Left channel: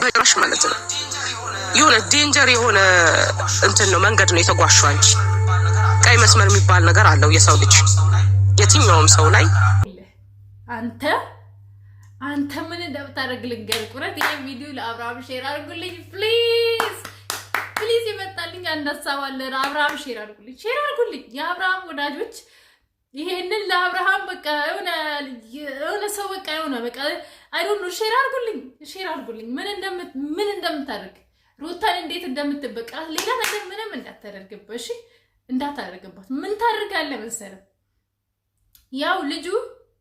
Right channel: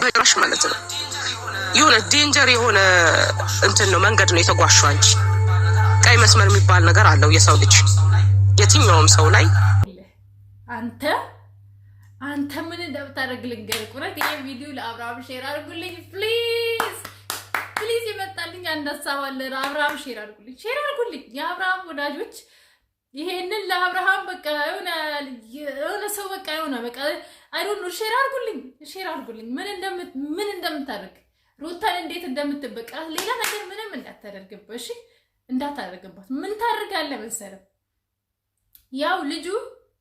በጭራሽ ማለት ነው። የሆነ ዴንጀር የሆነ እንትን ነው መንገድ ነው የተጓዥው አንቺ። ቀይ መስመር የሚባል ነገር አለው የሰው ልጅ የትኛውም ሰው ላይ። አንተ ምን እንደምታደርግ ልንገርህ። ቁረት ይሄ ቪዲዮ ለአብርሃም ሼር አድርጉልኝ ፕሊዝ ፕሊዝ። ይመጣልኝ አንድ ሀሳብ አለ። ለአብርሃም ሼር አድርጉልኝ የአብርሃም ወዳጆች። ይሄንን ለአብርሃም በቃ የሆነ ሰው በቃ የሆነ በቃ አይ ዶንት ኖ ሼር አድርጉልኝ ምን እንደምታደርግ ሩታን እንዴት እንደምትበቃ ሌላ ነገር ምንም እንዳታደርግበት እሺ፣ እንዳታደርግበት። ምን ታደርጋለህ መሰለህ? ያው ልጁ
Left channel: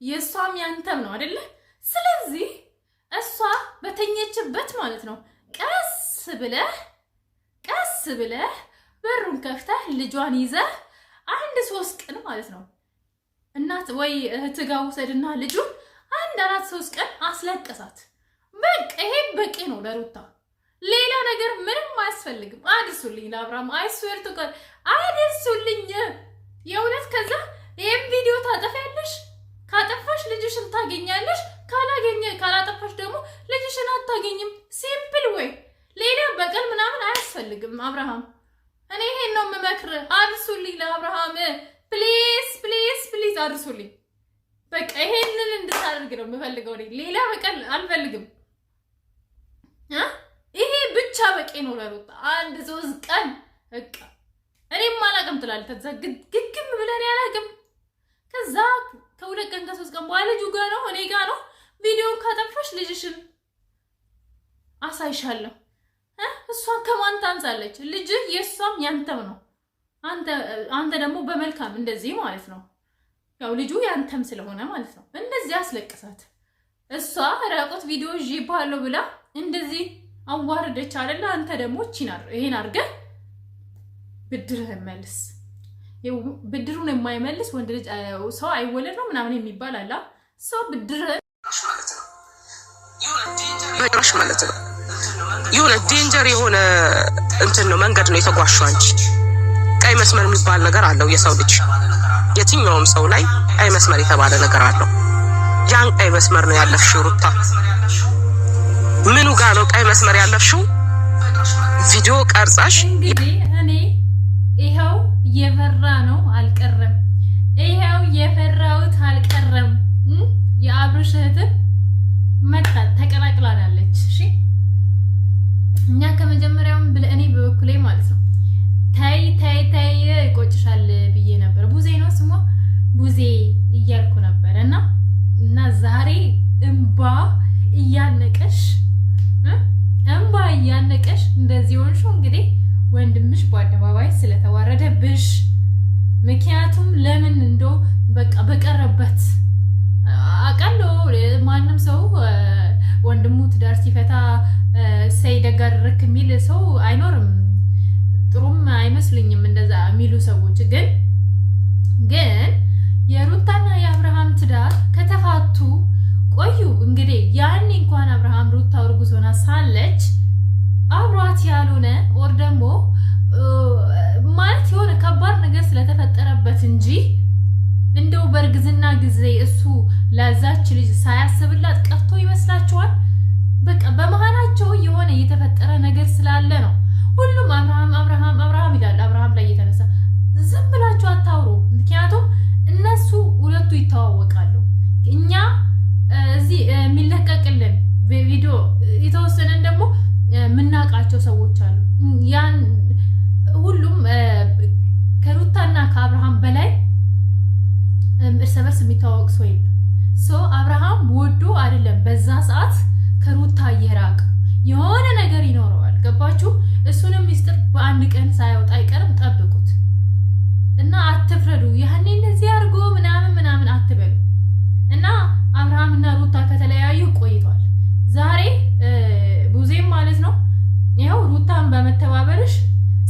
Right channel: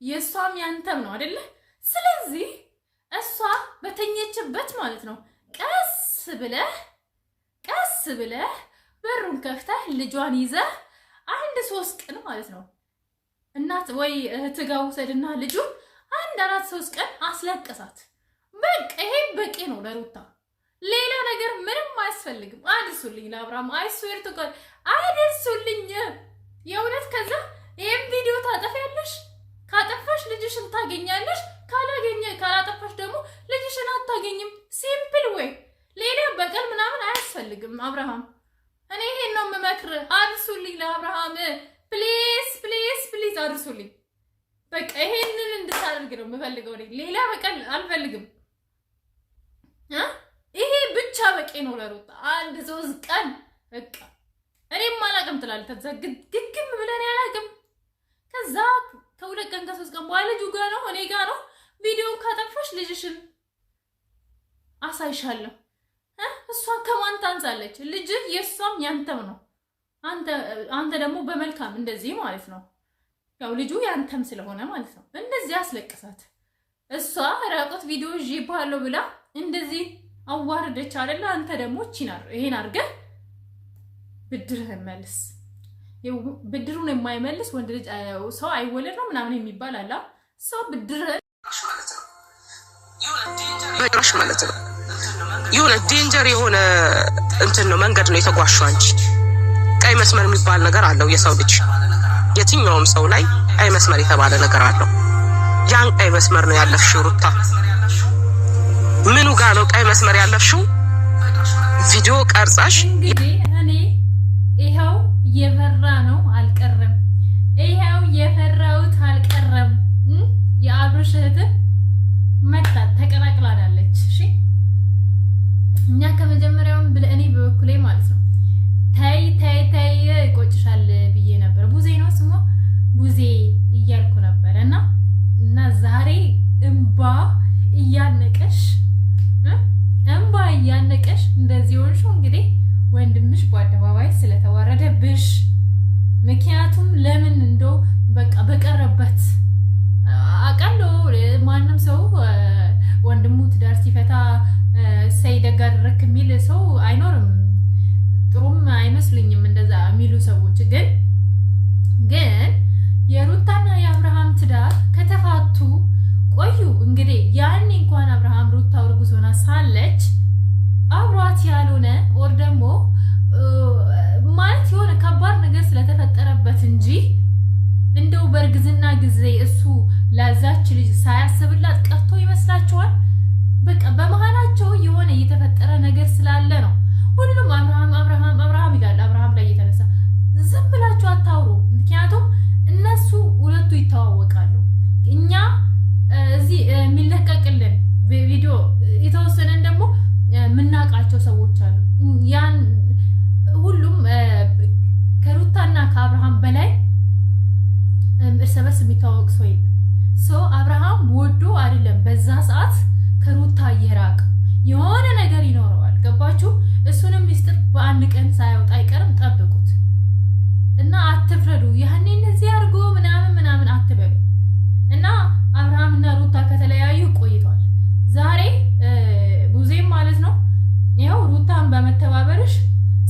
የሷም ያንተም ነው አይደለ? ስለዚህ እሷ በተኘችበት ማለት ነው ቀስ ብለህ በሩን ከፍተህ ልጇን ይዘህ 1-3 ቀን ማለት ነው እናት ወይ እህት ጋር ውሰድና ልጁን 1-4-3 ቀን አስለቀሳት። በቃ ይሄ በቂ ነው ለሩታ። ሌላ ነገር ምንም አያስፈልግም። አድርሱልኝ ለአብርሃም አይስዌር ተቆል አድርሱልኝ የእውነት። ከዛ ይሄን ቪዲዮ ታጠፊያለሽ። ካጠፋሽ ልጅሽን ታገኛለሽ፣ ካላጠፋሽ ደግሞ ልጅሽን አታገኝም። ሲምፕል ወይ ሌላ በቀል ምናምን አያስፈልግም። አብርሃም እኔ ይሄን ነው የምመክር። አድርሱልኝ ለአብርሃም ፕሊዝ አድርሱልኝ። በቃ ይሄንን እንድታደርግ ነው የምፈልገው። ሌላ በቀል አልፈልግም። ይሄ ብቻ በቂ ነው ለሩታ። 1-3 ቀን በቃ እኔም አላቅም ትላለች። ከዛ ግግም ብለን ያላቅም። ከዛ ከ2 ቀን ከ3 ቀን በኋላ ልጁ ጋር ነው እኔ ጋር ነው። ቪዲዮን ካጠፋሽ ልጅሽን አሳይሻለሁ። እሷን ከማን ታንሳለች? ልጅ የሷም ያንተም ነው። አንተ ደግሞ በመልካም እንደዚህ ማለት ነው። ያው ልጁ ያንተም ስለሆነ ማለት ነው። እንደዚህ አስለቅሳት። እሷ ራቆት ቪዲዮ ይባለው ብላ እንደዚህ አዋርደች አይደለ? አንተ ደግሞ ይሄን አድርገህ ብድርህን መልስ። ብድሩን የማይመልስ ወንድ ልጅ ሰው አይወለድ ነው ምናምን የሚባል አለ። ሰው ብድርህን በጭራሽ ማለት ነው። የሆነ ዴንጀር የሆነ እንትን ነው መንገድ ነው የተጓዥው አንቺ። ቀይ መስመር የሚባል ነገር አለው የሰው ልጅ የትኛውም ሰው ላይ ቀይ መስመር የተባለ ነገር አለው። ያን ቀይ መስመር ነው ያለፍሽው ሩታ። ምኑ ጋር ነው ቀይ መስመር ያለፍሽው? ቪዲዮ ቀርጻሽ እንግዲህ እኔ ይሄው የፈራ ነው አልቀረም። ይሄው የፈራውት አልቀረም። የአብርሽ እህት መጣ ተቀላቅላለች። እሺ እኛ ከመጀመሪያውም እኔ በበኩሌ ማለት ነው ታይ ይቆጭሻል ብዬ ነበር። ቡዜ ነው ስሟ ቡዜ እያልኩ ነበር እና ዛሬ እንባ እያነቀሽ እንደዚህ ሆንሽው። እንግዲህ ወንድምሽ በአደባባይ ስለተዋረደብሽ ምክንያቱም ለምን እንደው በቃ በቀረበት አቃለው ማንም ሰው ወንድሙ ትዳር ሲፈታ ሳይደጋርክ የሚል ሰው አይኖርም። ጥሩም አይመስልኝም እንደዛ የሚሉ ሰዎች። ግን የሩታና የአብርሃም ትዳር ከተፋቱ ቆዩ። እንግዲህ ያኔ እንኳን አብርሃም ሩታ እርጉዝ ሆና ሳለች አብሯት ያልሆነ ወር ደግሞ ማለት የሆነ ከባድ ነገር ስለተፈጠረበት እንጂ እንደው በእርግዝና ጊዜ እሱ ለዛች ልጅ ሳያስብላት ቀርቶ ይመስላችኋል? በቃ በመሃላቸው የሆነ የተፈጠረ ነገር ስላለ ነው። ሁሉም አብርሃም ይላል። አብርሃም ላይ የተነሳ ዝም ብላችሁ አታውሩ። ምክንያቱም እነሱ ሁለቱ ይተዋወቃሉ። እኛ እዚህ የሚለቀቅልን ቪዲዮ የተወሰነን ደግሞ የምናውቃቸው ሰዎች አሉ። ያን ሁሉም ከሩታና ከአብርሃም በላይ እርስ በርስ የሚተዋወቅ ሰው የለም። አብርሃም ወዶ አይደለም በዛ ሰዓት ከሩታ እየራቀ የሆነ ነገር ይኖረዋል። ገባችሁ? እሱንም ሚስጥር በአንድ ቀን ሳይወጣ አይቀርም። ጠብቁት እና አትፍረዱ። ያኔ እንደዚህ አድርጎ ምናምን አትበሉ። እና አብርሃምና ሩታ ከተለያዩ ቆይቷል። ዛሬ ቡዜም ማለት ነው ይኸው ሩታን በመተባበርሽ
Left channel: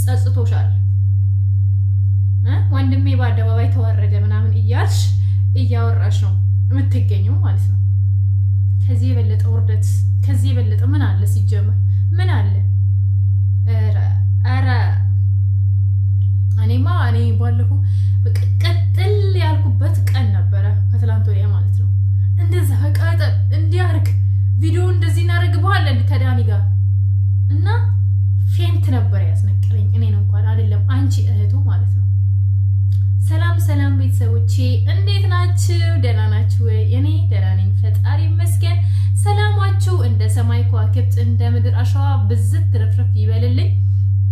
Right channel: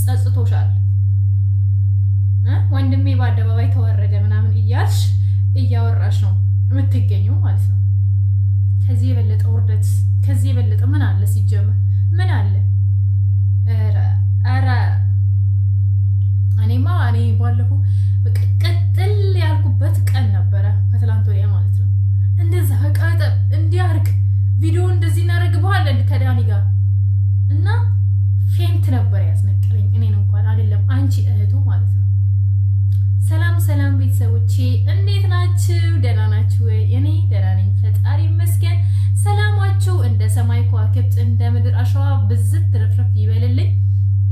ጸጽቶሻል። ወንድሜ በአደባባይ ተዋረደ ምናምን እያልሽ እያወራሽ ነው የምትገኘው ማለት ነው። ከዚህ የበለጠ ውርደት ከዚህ የበለጠ ምን አለ? ሲጀመር ምን አለ? ኧረ እኔ ባለፈው በቃ ቀጥል ያልኩበት ቀን ነበረ ከትላንት ወዲያ ማለት ነው። እንደዛ ቀጠል እንዲያርግ ቪዲዮ እንደዚህ እናደርግብሃለን ከዳኒ ጋር እና ፌንት ነበር ያስነቀለኝ። እኔን እንኳን አይደለም አንቺ እህቱ ማለት ነው። ሰላም ሰላም ቤተሰቦቼ እንዴት ናችሁ? ደህና ናችሁ ወይ? እኔ ደህና ነኝ፣ ፈጣሪ ይመስገን። ሰላማችሁ እንደ ሰማይ ከዋክብት እንደ ምድር አሸዋ ብዝት ትርፍርፍ ይበልልኝ።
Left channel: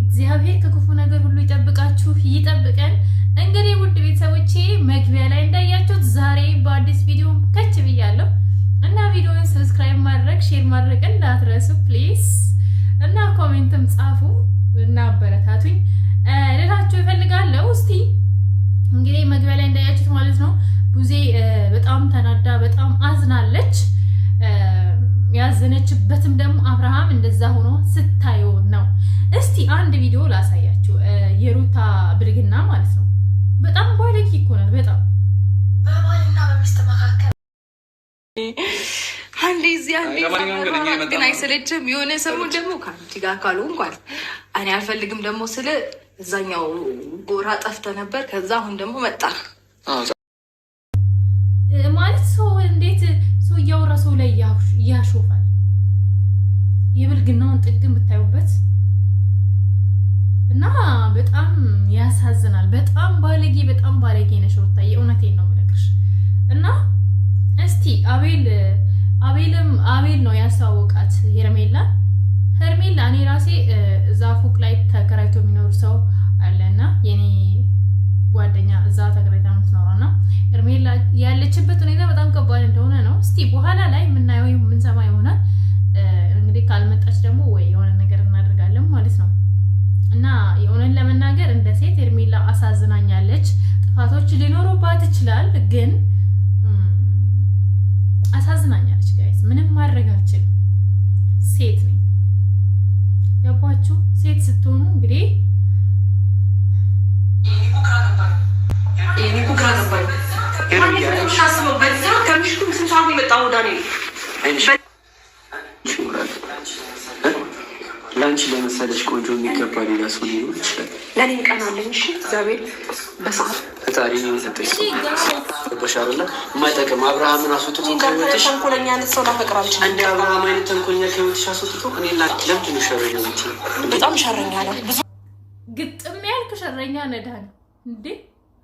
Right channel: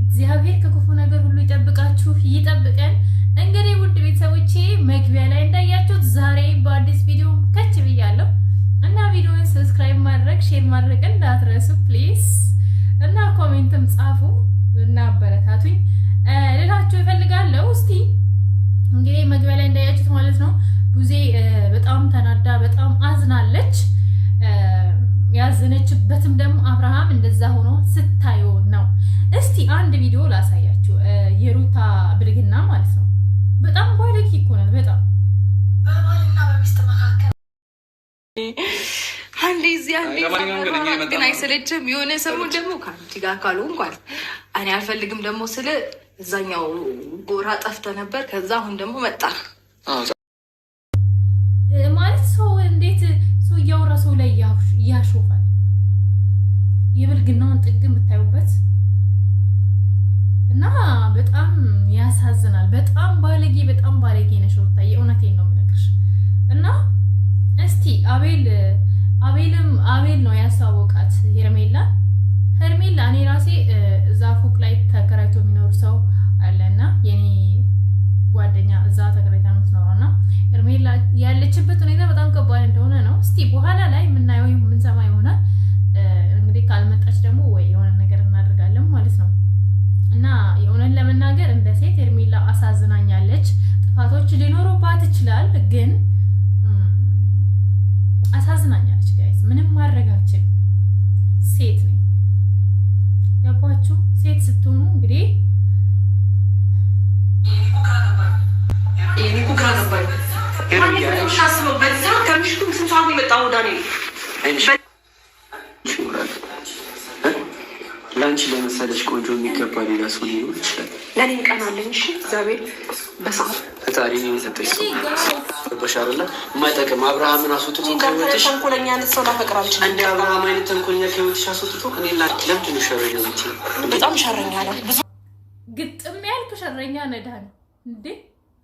እግዚአብሔር ከክፉ ነገር ሁሉ ይጠብቃችሁ ይጠብቀን። እንግዲህ ውድ ቤተሰቦቼ መግቢያ ላይ እንዳያችሁት ዛሬ በአዲስ ቪዲዮ ከች ብያለሁ እና ቪዲዮውን ሰብስክራይብ ማድረግ ሼር ማድረግ እንዳትረሱ ፕሊዝ፣ እና ኮሜንትም ጻፉ እና አበረታቱኝ ልላችሁ እፈልጋለሁ። እስቲ እንግዲህ መግቢያ ላይ እንዳያችሁት ማለት ነው ቡዜ በጣም ተናዳ በጣም አዝናለች። ያዘነችበትም ደግሞ አብርሃም እንደዛ ሆኖ ስታዩ ነው። እስቲ አንድ ቪዲዮ ላሳያችሁ፣ የሩታ ብልግና ማለት ነው። በጣም ባለጌ እኮ ናት። በጣም በባልና በሚስት መካከል አንዴ እዚህ አንዴ ግን አይሰለችም። የሆነ ሰሞን ደግሞ ከአንቺ ጋር ካሉ እንኳን እኔ አልፈልግም ደግሞ ስለ እዛኛው ጎራ ጠፍተ ነበር። ከዛ አሁን ደግሞ መጣ ማለት ሰው እንዴት ሰው እያወራ ሰው ላይ ያሾፋል። የብልግናውን ጥግ የምታዩበት እና በጣም ያሳዝናል። በጣም ባለጌ ነሽ ሩታ፣ የእውነቴን ነው የምነግርሽ። እና እስቲ አቤል ነው ያስተዋወቃት ሄርሜላ። እኔ ራሴ እዛ ፎቅ ላይ ተከራይቶ የሚኖር ሰው አለና የኔ ጓደኛ እዛ ተከራይታ ነው የምትኖረው እና ሄርሜላ ያለችበት ሁኔታ በጣም ከባድ እንደሆነ ነው። እስቲ በኋላ ላይ የምናየው የምንሰማ ይሆናል። እንግዲህ ካልመጣች ደግሞ ወይ የሆነ ነገር እናደርጋለን ማለት ነው። እና የሆነን ለመናገር እንደ ሴት ሄርሜላ አሳዝናኛለች። ጥፋቶች ሊኖሩባት ይችላል፣ ግን አሳዝናኛለች። ጋይስ ምንም ማድረግ አልችልም። ሴት ነኝ፣ ገባችሁ? ሴት ስትሆኑ እንግዲህ ለአንቺ ለመሰለሽ ቆንጆ የሚገባ ሌላ ሰው ሊኖር ይችላል። ለእኔ ቀናለኝ። እሺ እግዚአብሔር በሰዓት ፈጣሪ የሰጠሽ ሰው በሻርላ የማይጠቅም አብርሃምን አስወጥቶ ከህይወትሽ ተንኮለኛ አይነት ሰው ላፈቅር አልችልም። እንደ አብርሃም አይነት ተንኮለኛ ከህይወትሽ አስወጥቶ እኔ ለምንድን ነው ሸረኛ ነች? በጣም ሸረኛ ነው። ብዙ ግጥም ያልክ ሸረኛ ነዳን እንዴ!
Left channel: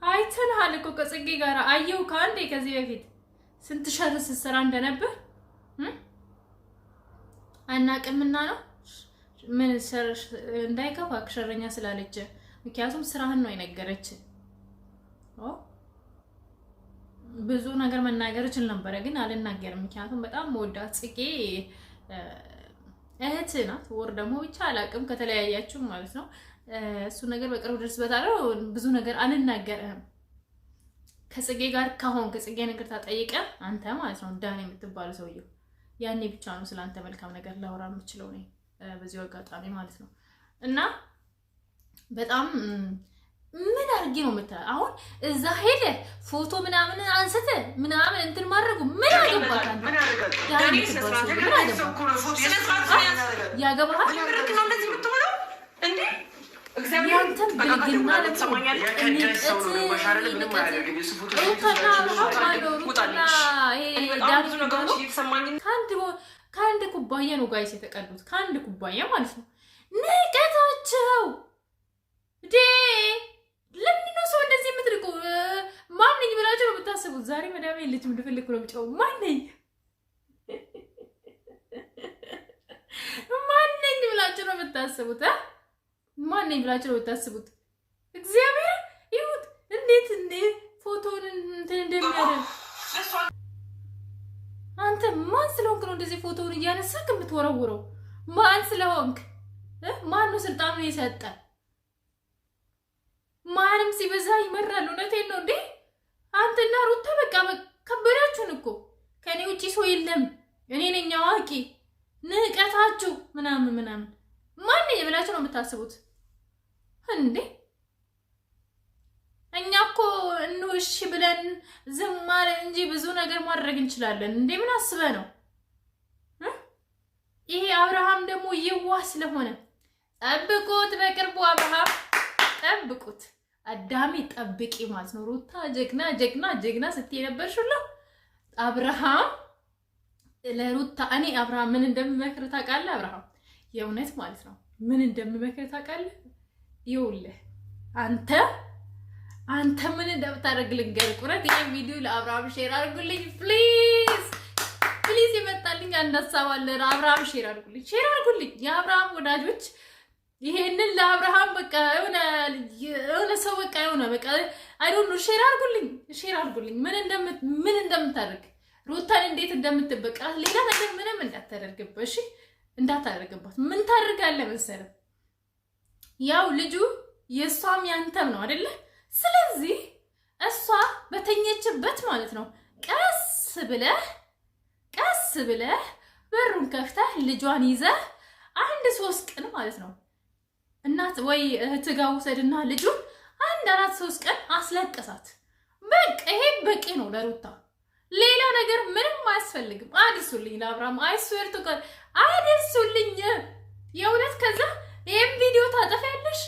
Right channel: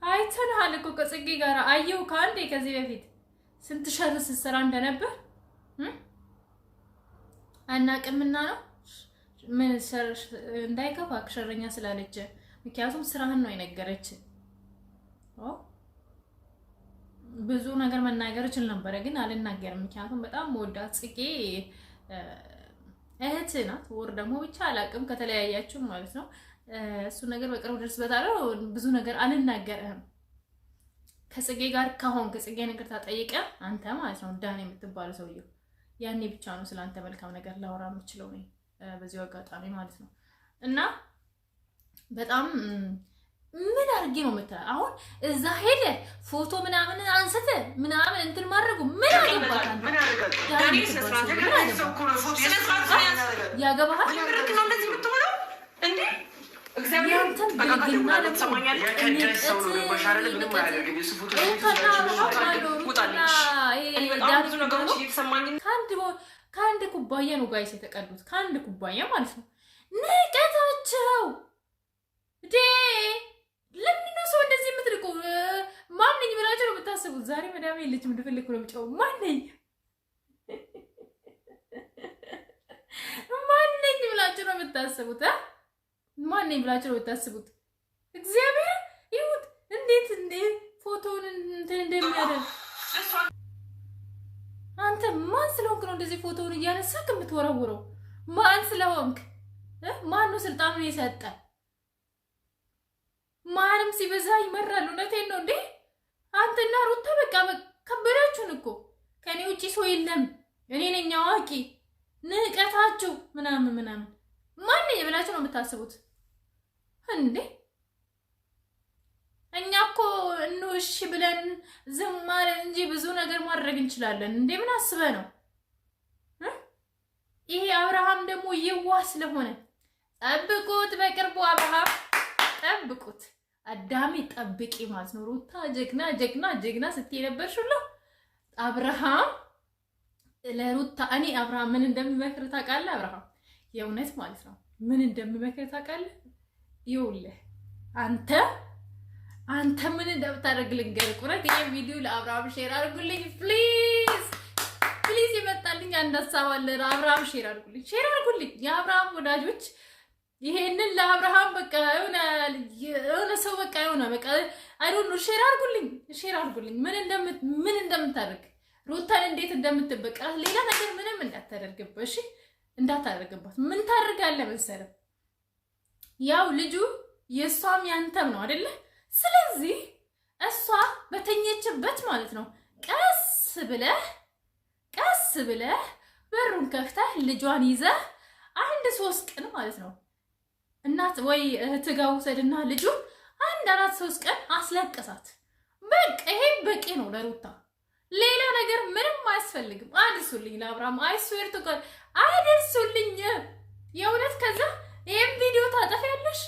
አይተንሃል እኮ ከጽጌ ጋር አየው ከአንዴ ከዚህ በፊት ስንት ሸር ስትሰራ እንደነበር አናቅምና ነው ምን እንዳይከፋ ሸረኛ ስላለች፣ ምክንያቱም ስራህን ነው የነገረች። ብዙ ነገር መናገር እችል ነበረ ግን አልናገርም፣ ምክንያቱም በጣም መወዳት ጽጌ እህት ናት። ወር ደግሞ ብቻ አላቅም ከተለያያችሁ ማለት ነው። እሱ ነገር በቅርብ ደርስበታለሁ። ብዙ ነገር አልናገርህም። ከጽጌ ጋር ካሁን ከጽጌ ነገር ታጠይቀ አንተ ማለት ነው ዳን የምትባለው ሰውየው ያኔ ብቻ ነው ስለአንተ መልካም ነገር ላወራ የምችለው ነው በዚህ አጋጣሚ ማለት ነው። እና በጣም ምን አድርጌ ነው የምትለው አሁን እዛ ሄደ ፎቶ ምናምን አንስተ ምናምን እንትን ማድረጉ ምን ያገባታል? ያገባሃል ያንተን ብልግና ከአንድ ኩባያ ነው ጋይስ የተቀዱት፣ ከአንድ ኩባያ ማለት ነው። ንቀታቸው ዴ ለምን ነው ሰው እንደዚህ የምትርቁ? ማንኝ ብላችሁ ነው የምታስቡት? ዛሬ መዳሜ ልጅ ምንድፈልግ ነው የምጫው ማንኝ ብላችሁ ነው የምታስቡት? ማንኝ ብላችሁ ነው የምታስቡት? እግዚአብሔር ይሁት እንዴት ፎቶውን እንትን እንደሚያደርግ አንተ ማን ስለሆንክ ነው እንደዚህ ፎቶውን እያነሳክ የምትወረውረው? ማን ስለሆንክ? ማን ነው ስልጣኑን የሰጠ? ማንም ሲበዛ ይመራል። እውነቴን ነው እንዴ! አንተና ሩታ በቃ ከበዳችሁን እኮ። ከኔ ውጪ ሰው የለም፣ እኔ ነኝ አዋቂ። ንቀታችሁ ምናምን ማን ብላችሁ ነው የምታስቡት እንዴ? እኛ እኮ እሺ ብለን ዝም ማለት እንጂ ብዙ ነገር ማድረግ እንችላለን። እንዴ ምን አስበህ ነው? ይሄ አብርሃም ደግሞ የዋህ ስለሆነ ጠብቁት፣ በቅርቡ አብርሃም ጠብቁት። አዳሚ ጠብቂ ማለት ነው። ሩታ ጀግና ስትይ ነበርሽላ። አብርሃም ለሩታ እኔ አብርሃም ምን እንደምመክር ታውቃለህ? አብርሃም የእውነት ማለት ነው ምን እንደምመክር ታውቃለህ? ይኸውልህ አንተ ምን እንደምታደርግ ልንገርህ። ቁረት ይሄ ቪዲዮ ለአብርሃም ሼር አድርጉልኝ ፕሊዝ ፕሊዝ። ይመጣልኝ አንድ ሀሳብ አለ። ለአብርሃም ሼር አድርጉልኝ የአብርሃም ወዳጆች። ይሄንን ለአብርሃም በቃ የሆነ ሰው በቃ የሆነ በቃ አይ ዶንት ኖ ሼር አድርጉልኝ ምን እንደምታደርግ ሩታን እንዴት እንደምትበቃ ሌላ ነገር ምንም እንዳታደርግበት እሺ፣ እንዳታደርግባት። ምን ታደርጋለህ መሰለህ? ያው ልጁ የሷም ያንተም ነው አይደለ? ስለዚህ እሷ በተኘችበት ማለት ነው ቀስ ብለህ በሩን ከፍተህ ልጇን ይዘህ 1-3 ቀን ማለት ነው እናት ወይ እህት ጋር ውሰድና ልጁን 1-4-3 ቀን አስለቅሳት። በቃ ይሄ በቂ ነው ለሩታ። ሌላ ነገር ምንም አያስፈልግም። አድርሱልኝ ለአብርሃም አይስዌር ተቀል አድርሱልኝ የእውነት። ከዛ ይሄን ቪዲዮ ታጠፊያለሽ።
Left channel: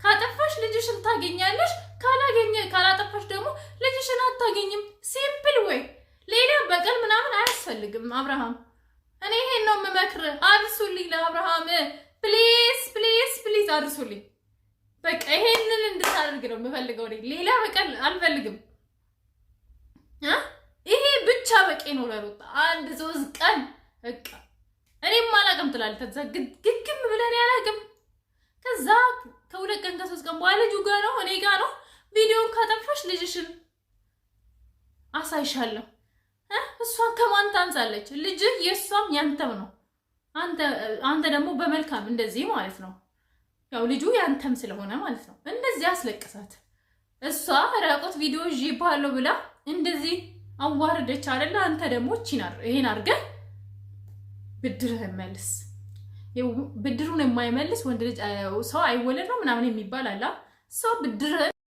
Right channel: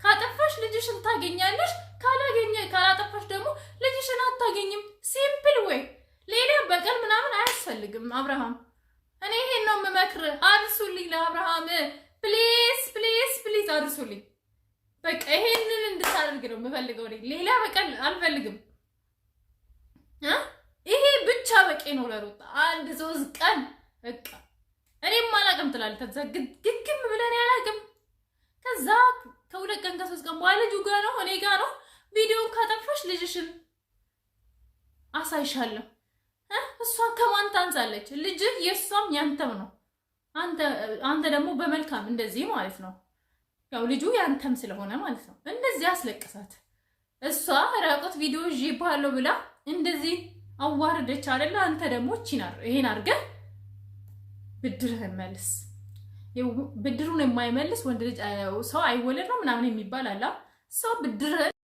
ካጠፋሽ ልጅሽን ታገኛለሽ። ካላጠፋሽ ደግሞ ልጅሽን አታገኝም። ሲምፕል ወይ ሌላ በቀል ምናምን አያስፈልግም። አብርሃም እኔ ይሄን ነው የምመክር። አድርሱልኝ ለአብርሃም ፕሊዝ ፕሊዝ ፕሊዝ አድርሱልኝ። በቃ ይሄንን እንድታደርግ ነው የምፈልገው። ሌላ በቀል አልፈልግም። ይሄ ብቻ በቂ ነው ለሩታ። 1-3 ቀን በቃ እኔም አላቅም ትላለች። ከዛ ግግም ብለን ያላቅም። ከዛ ከ2 ቀን ከ3 ቀን በኋላ ልጁ ጋር ነው እኔ ጋር ነው። ቪዲዮን ካጠፋሽ ልጅሽን አሳይሻለሁ። እሷን ከማን ታንሳለች? ልጅ የሷም ያንተም ነው። አንተ ደግሞ በመልካም እንደዚህ ማለት ነው። ያው ልጁ ያንተም ስለሆነ ማለት ነው። እንደዚህ አስለቅሳት። እሷ ራቆት ቪዲዮ ይባለው ብላ እንደዚህ አዋርደች አይደለ? አንተ ደግሞ ይሄን አድርገህ ብድርህን መልስ። ብድሩን የማይመልስ ወንድ ልጅ ሰው አይወለድ ነው ምናምን የሚባል አላ። ሰው ብድርህን